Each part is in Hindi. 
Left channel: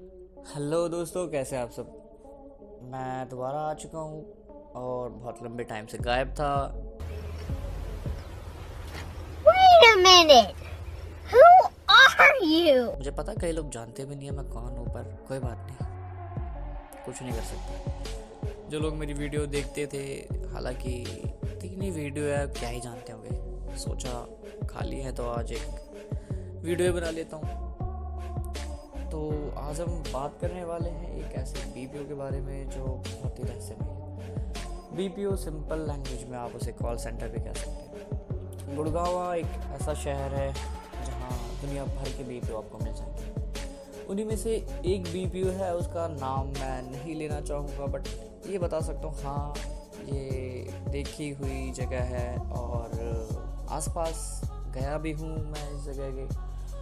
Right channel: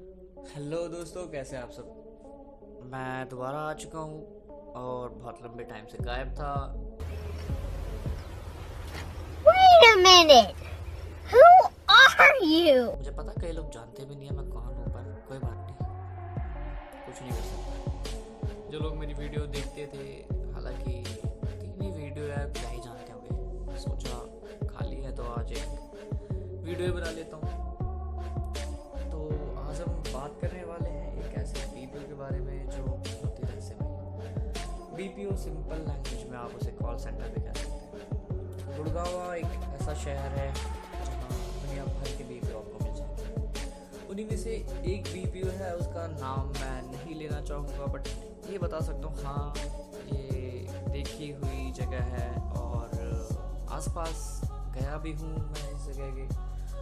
हेलो दोस्तों, कैसे हैं आप सब। मैं दोबारा आ चुका हूँ और बहुत लंबे टाइम से गायब था। Wait a minute! Who are you? मुझे पता कई लोग जानते भी नहीं है मैं कौन हूँ, पर कोई बात नहीं, कुछ नहीं कर सकता। जो लोग मेरी वीडियो देखते थे, हालांकि 3 ही वीडियो है, क्या ही जानते होंगे। सोचा खाली है तो आज एक वीडियो बना लेता हूँ। तो आज हम बात करने वाले हैं एक ऐसे बीपीओ के बारे में जो बहुत ही रहस्यमय। बीपीओ सिंपल लैंग्वेज में आप उसे कॉल सेंटर भी कह सकते हैं। गुड़गांव एक ऐसा शहर है जहाँ दुनिया भर के बीपीओ आपको मिल जाएंगे। उन्हीं में से एक बीपीओ है, उसका नाम मैं नहीं लेना चाहूँगा, बट ये बता सकता हूँ, हाँ ये देखी हुई जगह है और आसपास गया भी हूँ मैं इस जगह के,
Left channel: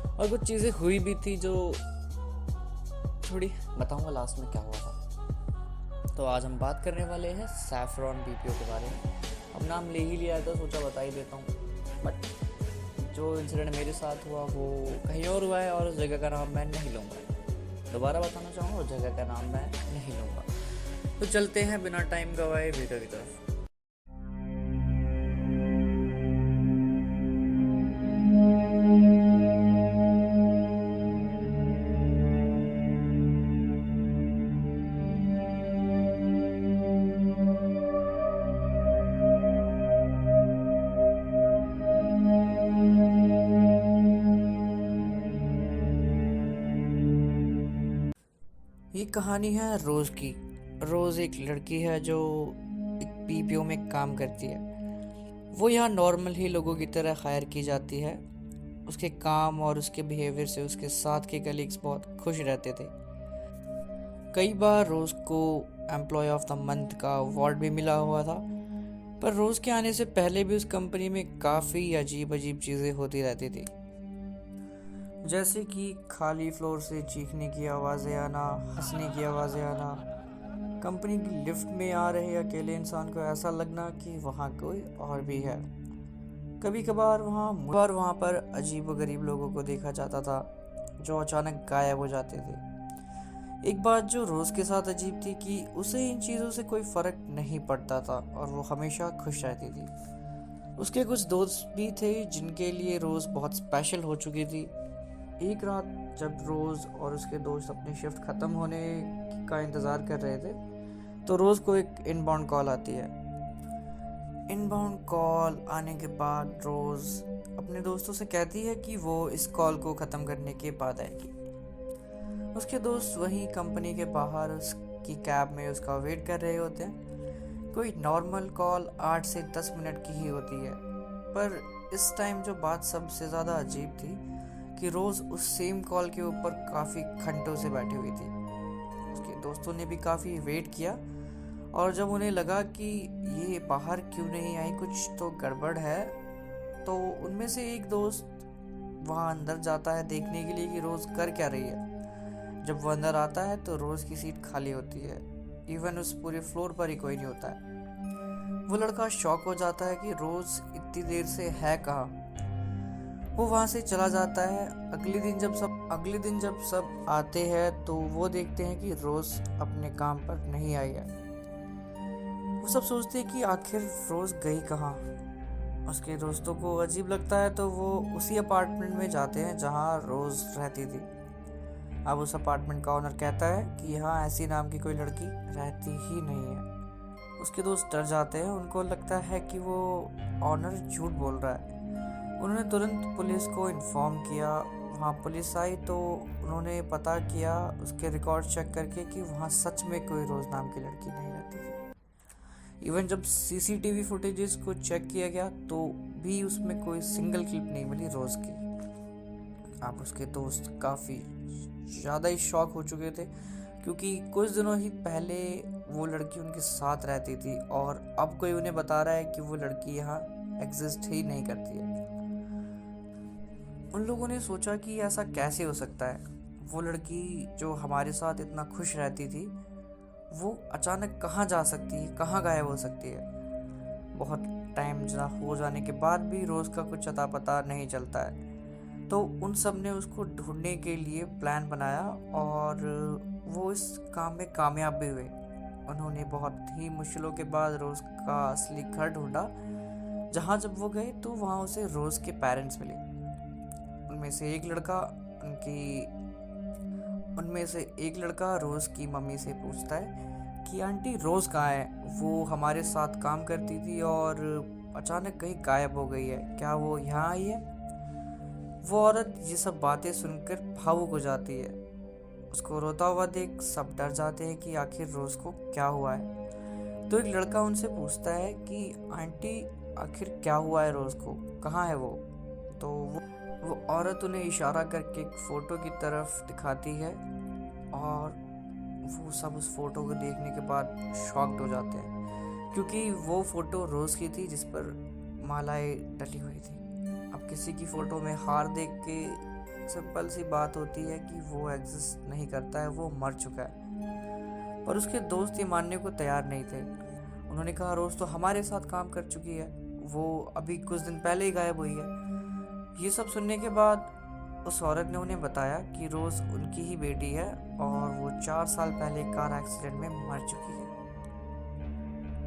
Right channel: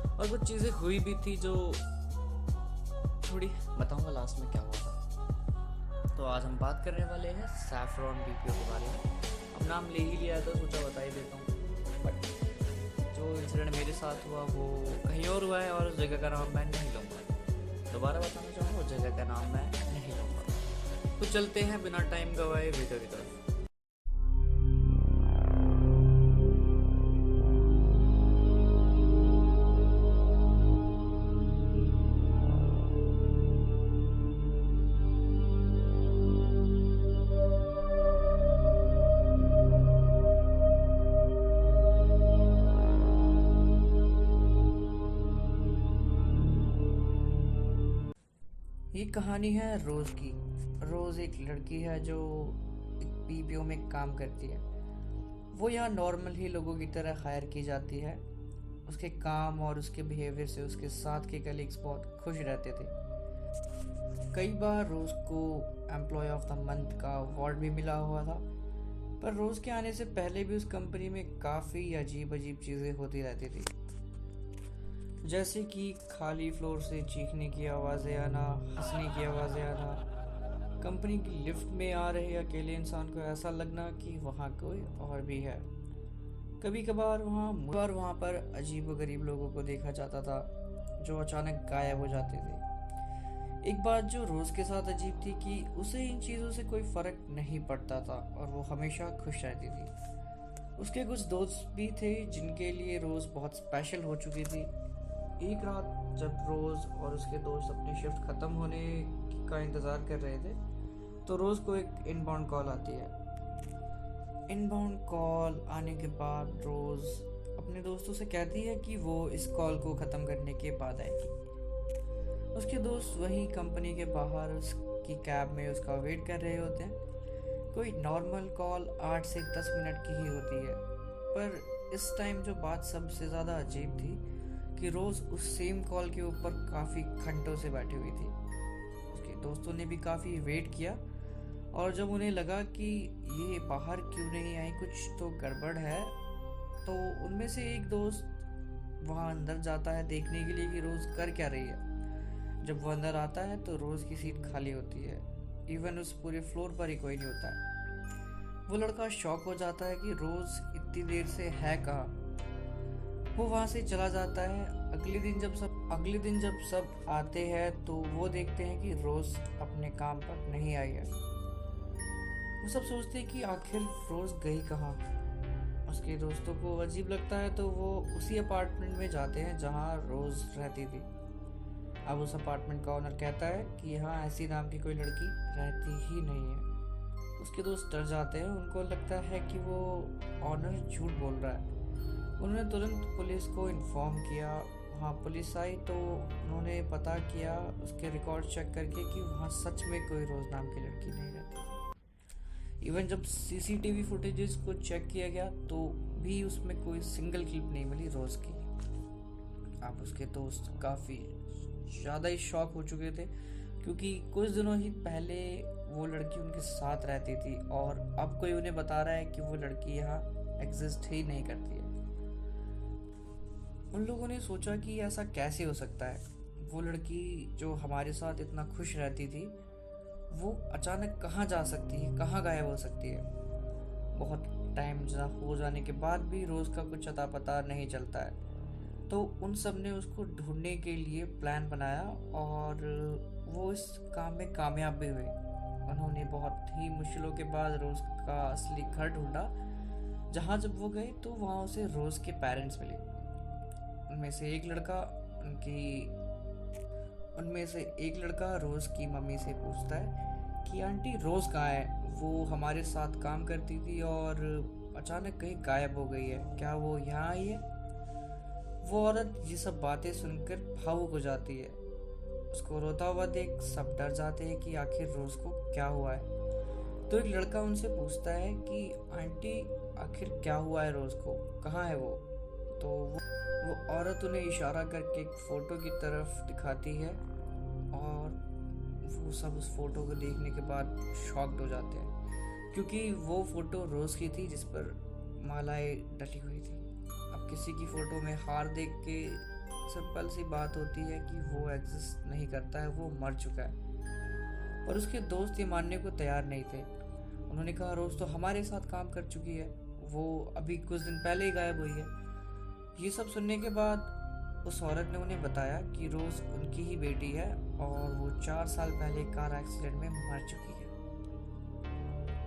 और कुछ चीज़ें हुई भी थी जो थोड़ी बताऊंगा लास्ट में क्या हुआ था। तो आज हम बात करने वाले हैं सैफरॉन बीपीओ के बारे में। अब नाम ले ही लिया है तो सोचा बता ही देता हूँ, बट जो इंसिडेंट मेरे साथ हुआ वो कहीं और हुआ है और उस जगह का नाम मैं नहीं लूँगा। दोबारा बताना चाहूँगा, उस जगह का नाम मैं नहीं लूँगा। तो चलते हैं बिना टाइम गवाए वीडियो की तरफ। ये कहानी है रोज़ की। रोज़ एक लड़की है जो एक पीपीओ में काम करती है। वो यहाँ नॉर्मल ही लोगों की तरह हायर की जाती है। उसके काम और उसके बिहेवियर से उसके साथ के कलीग्स बहुत खुश रहते थे। कई बार रोज़ को एम्प्लॉय ऑफ द मंथ का अवार्ड भी मिला हुआ था। पर रोज़ के आने से पहले भी उस कंपनी में काफ़ी अजीब अजीब चीज़ें होती रहती थी, जैसे कि खाली फ्लोर से चीखने की आवाज़ें आना, हंसने की आवाज़ें आना, कंपनी की लिफ्ट में आ रहे अकेले इंसान को ऐसा लगना कि वहाँ कोई और भी है। कभी कभार वहाँ पर अजीब व गरीब लोगों को देखा जाता था जो अचानक गायब हो जाते थे। एक बात जो रोज़ के साथ अजीब थी कि उसे इन चीज़ों से कोई फ़र्क नहीं पड़ता था और वो हमेशा खुश रहती थी। उसके कुछ दोस्त भी थे जिनके लिए रोज़ बहुत स्पेशल हो चुकी थी। एक रात जब रोज़ और उसके दोस्त अपनी शिफ्ट ख़त्म होने का इंतज़ार कर रहे थे, तो रोज़ को एक इनबाउंड कॉल आती है। इनबाउंड कॉल आने के बाद रोज़ अपने दोस्तों से कहती है कि वो इस कॉल को ख़त्म करने के बाद आएगी। उसके दोस्त वहीं कंपनी के बाहर उसकी कैब में उसका वेट कर रहे होते हैं। कोई नॉर्मल कॉल 8 से 10 मिनट की ही होती है, पर इस टाइम जो बात सबसे ज़्यादा अजीब थी कि रोज़ उस सेम कॉल के ऊपर काफ़ी घंटों से बैठी हुई थी। उसके दोस्तों ने भी काफ़ी वेट किया, और जब उन्हें लगा कि ये बाहर क्यों नहीं आई, कुछ तो गड़बड़ है, तो उनमें से एक दोस्त वहाँ अंदर जाता है देखने के लिए कि रोज़ कर क्या रही है। जब वो अंदर आता है तो रोज़ की सीट खाली होती है। इवन उस पूरे फ्लोर पर ही कोई नहीं होता है। वो लड़का शॉक हो जाता है कि रोज़ इतनी देर से है कहाँ। वो वहाँ से चला जाता है। अगले दिन जब सब आते हैं तो वो देखते हैं कि रोज़ अपने काम पर नहीं आई है। वो सब सोचते हैं कि आखिर रोज़ गई कहाँ। उसके दोस्तों को अजीब लगता है तो वो उसी अपार्टमेंट में जाते हैं जहाँ रोज़ रहती थी। अब उस अपार्टमेंट का ओनर कहता है कि यहाँ ऐसी नाम की कोई लड़की रहती ही नहीं है। उसके दोस्त डर जाते हैं, उनको लगता है कि वो ऑनर झूठ बोल रहा है। उन्होंने तुरंत पुलिस को इन्फॉर्म किया। वहाँ पुलिस आई तो उन्होंने पता किया उसके रिकॉर्ड चेक करके कि वहाँ सच में कोई रोज़ नाम की लड़की नहीं रहती थी। इवन जब सीसीटीवी फुटेजेस को चेक किया गया तो भी उसमें कोई सिंगल क्लिप नहीं मिली रोज़ की। अब उसके दोस्त काफ़ी ज़्यादा ही शॉक हो चुके थे, क्योंकि कुछ दिनों ही पहले वो लड़की उनके साथ रहती थी और अब कोई उन्हें बता रहा है कि वो लड़की यहाँ एग्जिस्ट ही नहीं करती है। उन लोगों ने सोचा कि ऐसा कैसे हो सकता है। वो लड़की जो हमारे साथ इतना खुश रहती थी, वो अचानक कहाँ जा सकती है, कहाँ गायब हो सकती है। बहुत टाइम हो जाने के बाद भी रोज़ का कुछ अता पता नहीं चलता है। तो उन सब ने उसको ढूंढने के लिए प्लान बनाया और वो इस काम में कामयाब भी हुए। उन्होंने बहुत ही मुश्किलों के बाद रोज़ का असली घर ढूंढा। जहाँ जब वो गए तो वहाँ उसे रोज़ के पेरेंट्स मिले। उनमें से एक लड़का उनकी उनमें से एक लड़का रोज़ की मम्मी से पूछता है कि आंटी रोज़ कहाँ है? वो हमारे साथ काम करती थी और अचानक कहीं गायब हो गई है, क्या वो यहाँ आई है? वो औरत ये सब बातें सुनकर भावुक हो जाती है। उसको रोता हुआ देख सब डर जाते हैं कि आखिर रोज़ को क्या हुआ है। तो एक लड़का उनसे पूछता है कि आंटी आखिर क्या हुआ है रोज़ को, कहाँ है वो? तो वो औरत उन्हें इशारा करके एक फ़ोटो की तरफ दिखाती है और वो सब उस फ़ोटो को देखने के बाद शॉक्ड हो जाते हैं, क्योंकि वो फ़ोटो रोज़ की थी जिस पर मालाएं डली हुई थी। अब किसी की फ़ोटो में हार देख के सिंपल सी बात होती है कि वो एग्जिस्ट नहीं करता है, वो मर चुका है। पर उसके दोस्त ये मानने को तैयार नहीं थे। उन्होंने कहा रोज़ तो हमारे साथ काम कर चुकी है, वो अभी कुछ दिन पहले ही गायब हुई है। ये सब सुनने के बाद उस औरत ने उन्हें बताया कि रोज़ उनकी ही बेटी है और वो 4 साल पहले कार एक्सीडेंट में मर चुकी है।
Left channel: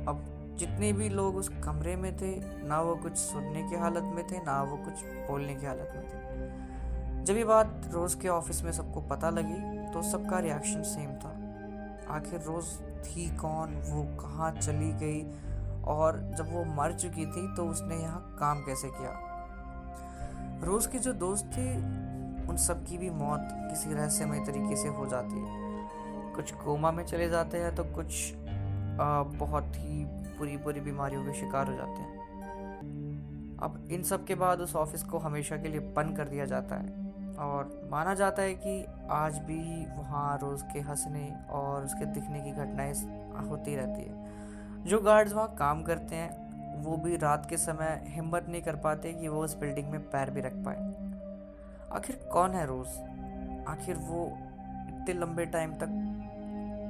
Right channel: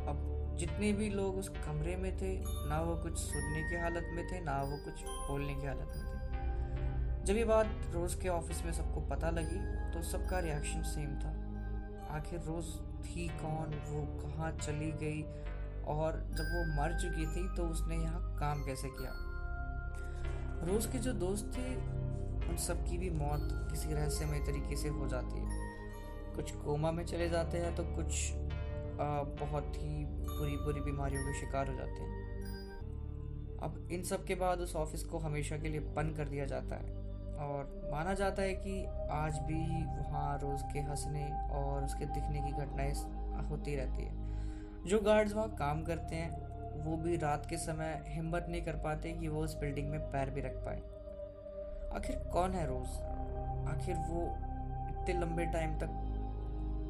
अब जितने भी लोग उस कमरे में थे, ना वो कुछ सुनने की हालत में थे, ना वो कुछ बोलने की हालत में थे। जब ये बात रोज़ के ऑफिस में सबको पता लगी तो सबका रिएक्शन सेम था। आखिर रोज़ थी कौन, वो कहाँ चली गई, और जब वो मर चुकी थी तो उसने यहाँ काम कैसे किया? रोज़ के जो दोस्त थे उन सब की भी मौत किसी रहस्यमय तरीके से हो जाती है। कुछ कोमा में चले जाते हैं तो कुछ बहुत ही बुरी बुरी बीमारियों के शिकार हो जाते हैं। अब इन सब के बाद उस ऑफिस को हमेशा के लिए बंद कर दिया जाता है और माना जाता है कि आज भी वहाँ रोज़ के हंसने और उसके दिखने की घटनाएं होती रहती है। जो गार्ड्स वहाँ काम करते हैं वो भी रात के समय हिम्मत नहीं कर पाते कि वो उस बिल्डिंग में पैर भी रख पाए। आखिर कौन है रोज़? आखिर वो इतने लंबे टाइम तक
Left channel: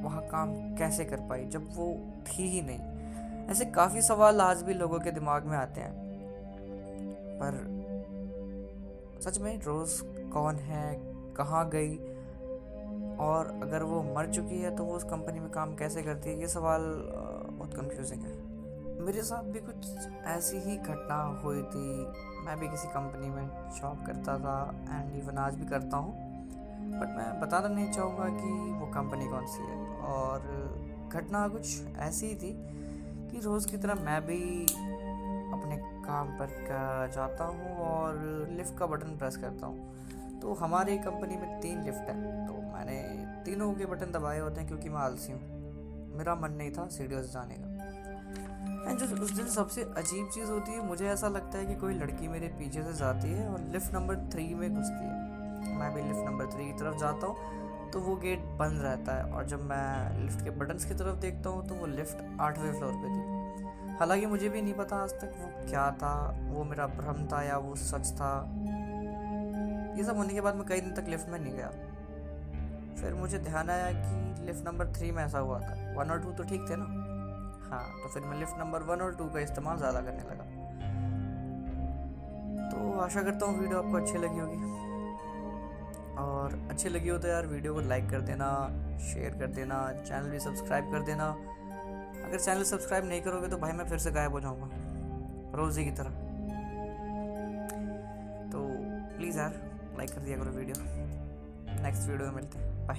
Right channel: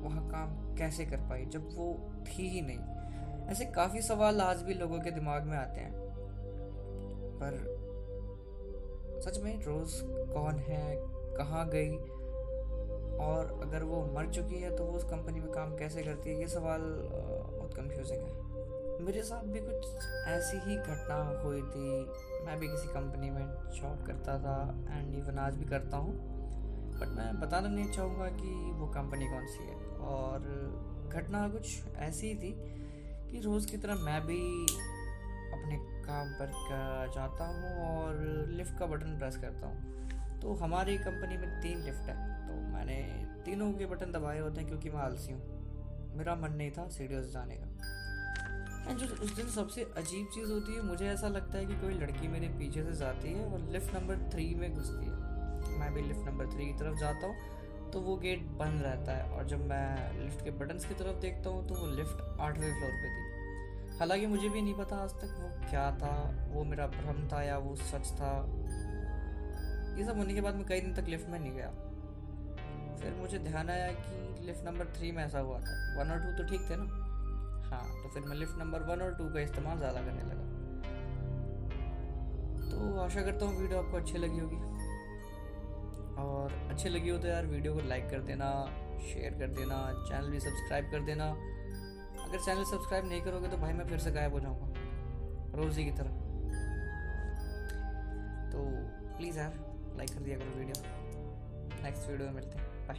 वहाँ काम कैसे कर पाई जब वो थी ही नहीं? ऐसे काफ़ी सवाल आज भी लोगों के दिमाग में आते हैं। पर सच में रोज़ कौन है, कहाँ गई, और अगर वो मर चुकी है तो वो उस कंपनी में काम कैसे करती है? ये सवाल बहुत कंफ्यूजिंग है। मेरे साथ भी कुछ ऐसी ही घटना हुई थी। मैं भी किसी कंपनी में जॉब करता था एंड इवन आज भी करता हूँ, बट मैं बताना नहीं चाहूँगा कि वो कंपनी कौन सी है। और घटना कुछ ऐसी ही थी कि रोज़ की तरह मैं भी अपने काम पर जाता हूँ और लिफ्ट का बटन प्रेस करता हूँ। तो हमारी कंपनी में 3 लिफ्ट है, तो मैंने तीनों के बटन दबाए होते हैं क्योंकि मैं आलसी हूँ, मेरा मन नहीं था सीढ़ियों से जाने का। एंड जो उस दिन सबसे अजीब चीज़ होती है, मुझे ऐसा लगता है कि कोई लड़की मेरे पीछे से जाती है और लिफ्ट नंबर 3 में घुसती है। मैं भी लिफ्ट नंबर 3 की तरफ जाता हूँ तो वो गेट बंद रहता है, और जब मैं लिफ्ट के बटन्स की तरफ देखता हूँ तो वो लिफ्ट 8वें फ्लोर पे थी। हालांकि मुझे भी नहीं पता आज तक वो क्या था, वो मेरा भ्रम था या वो सच था। ये सब होने के बाद मैं कई दिन तक लिफ्ट में नहीं गया। फिर मुझे ध्यान आया कि लिफ्ट नंबर 3 में ऐसा हुआ था, 1 और 2 तो ठीक थे ना। हाँ, तो फिर मैं लिफ्ट नंबर 1 और 2 का इस्तेमाल ज़्यादा करने लगा। तो आशा करता हूँ वीडियो आपको अच्छी लगी होगी, और अच्छी लगी हो तो यार वीडियो को लाइक कर देना, शेयर कर देना, चैनल भी सब्सक्राइब कर देना। अगर चैनल सब्सक्राइब नहीं करोगे तो भाई मैं फिर से गायब हो जाऊँगा रोज़ी की तरह। तो प्लीज़ यार लाइक कर दिया करो वीडियो। नेक्स्ट वीडियो में मिलते हैं, बाय।